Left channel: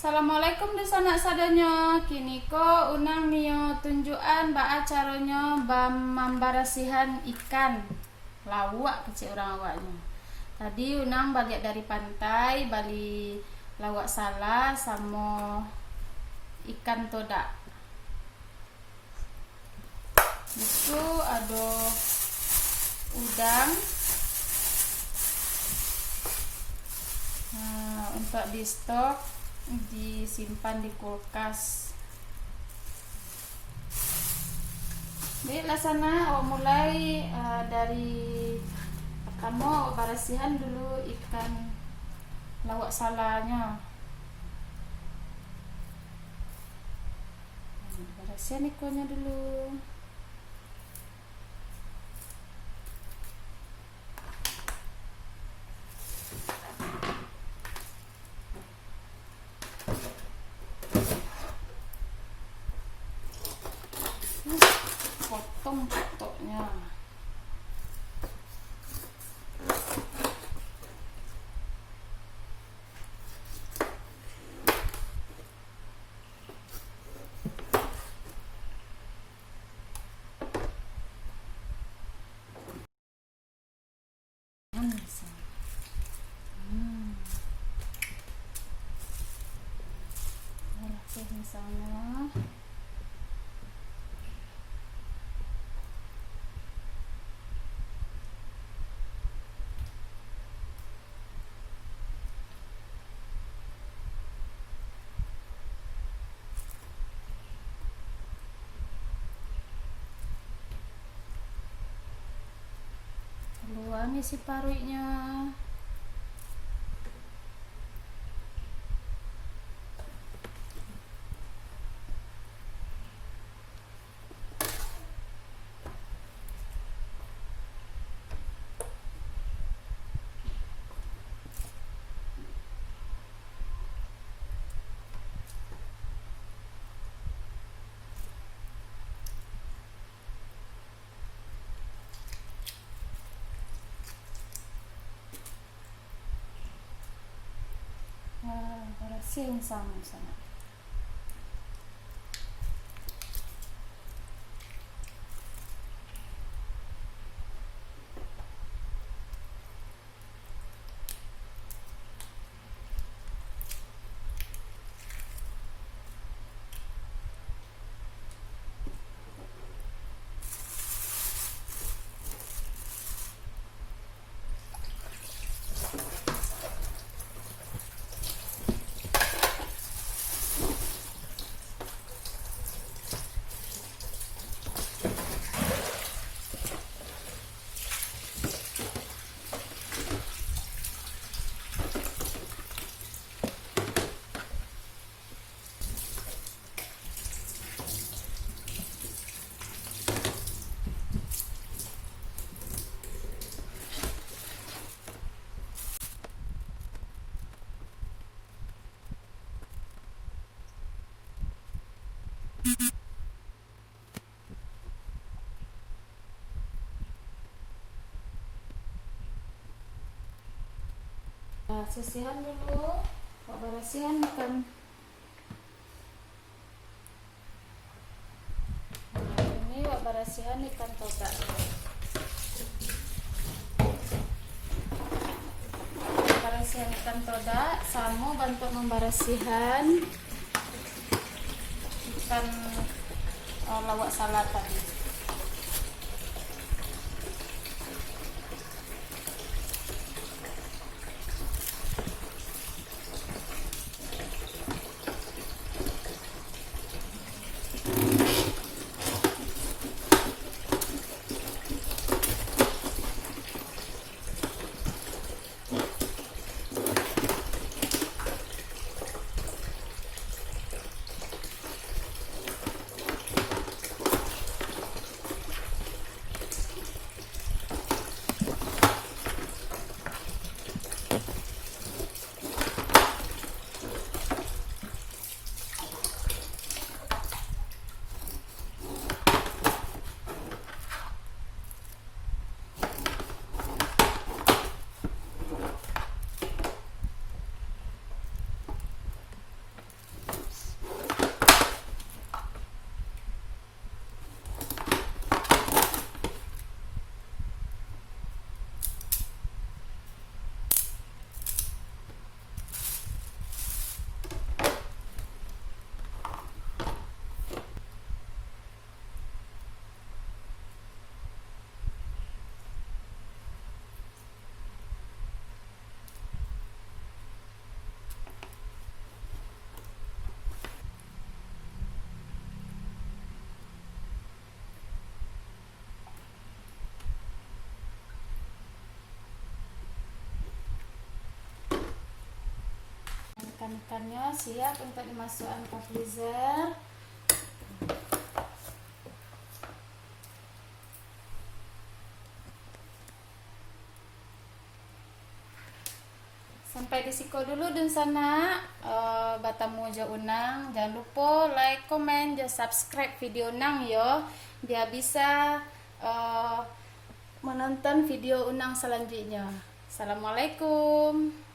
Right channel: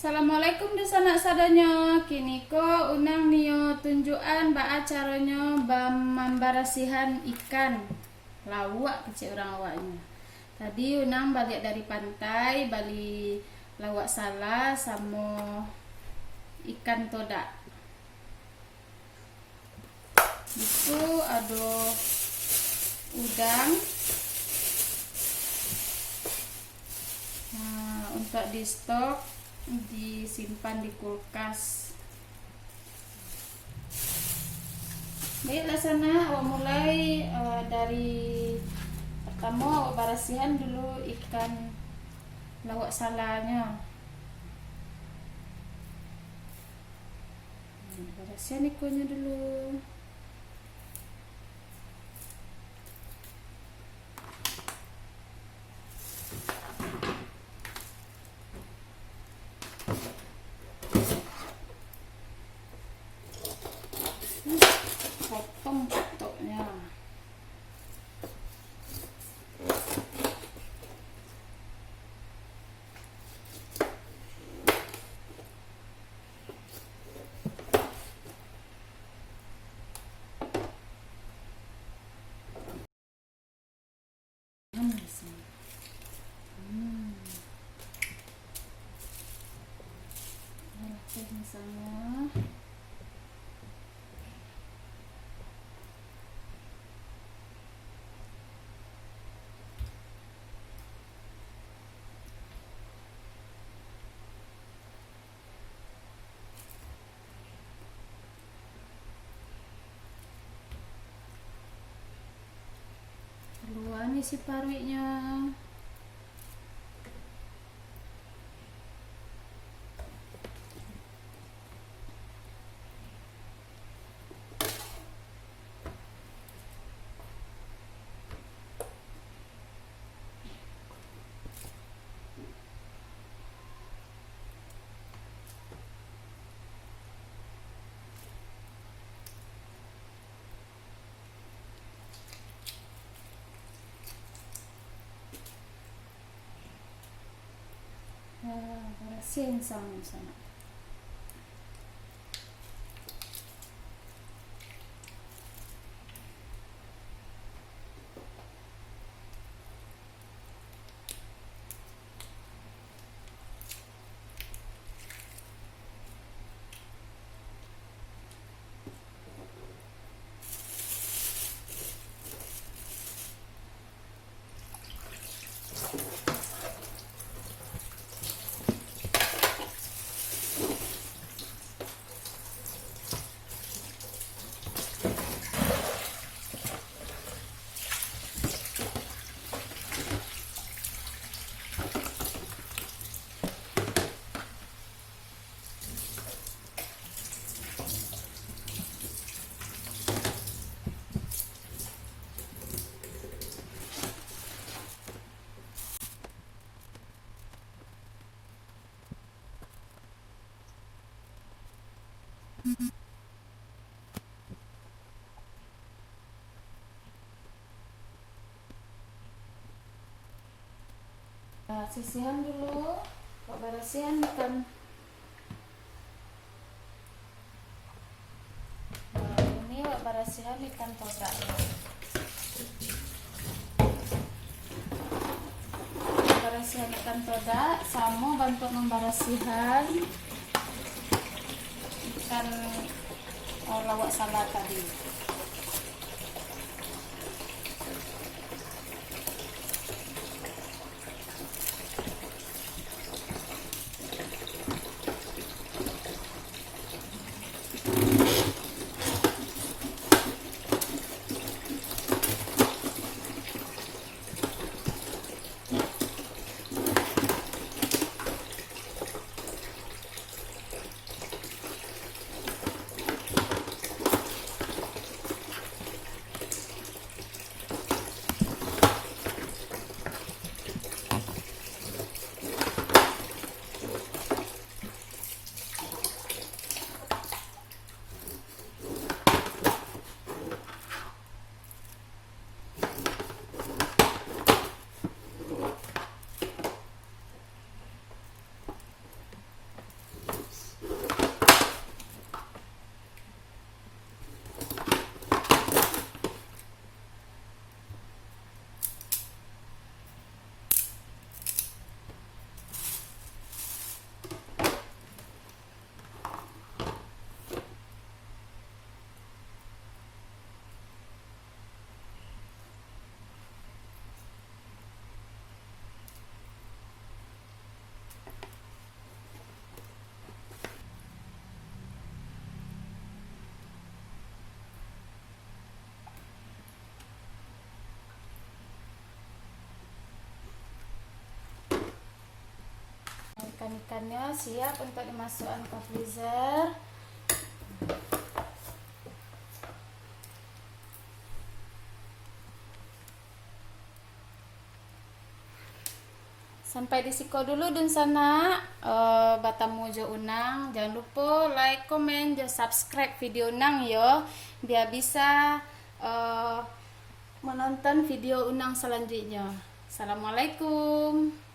Assalamualaikum di sana sadanya. Kini ko unang niyo tunjukan baa caranya membarasihan ikan lawak kecil orang awaknya. Tadi unang balik dari pantai, bali lawak salah sama ikan todak. Itu ada udang. Nah, untuk di stok disimpan di kulkas. Baiklah sana, awak mulai dari pertama awak barasihan dulu ikan lawak salahnya. Barasihan ikannya dulu. Potong potoknya. Misalnya keluar isi parunya. Barasin sama sana. Sisihan dulu, barasihan ikan. Ini barasihan ikan todak. Barasihan ikan todak sama bantu membarasihan ikan lawak salad tadi. ikan-ikannya siap untuk dimasukkan ke freezer. Sampai disiko dulu dun sana batamu jo unang. Jangan lupa like, comment, jo subscribe video unang yo, biar bisa menonton video unang selanjutnya. Assalamualaikum.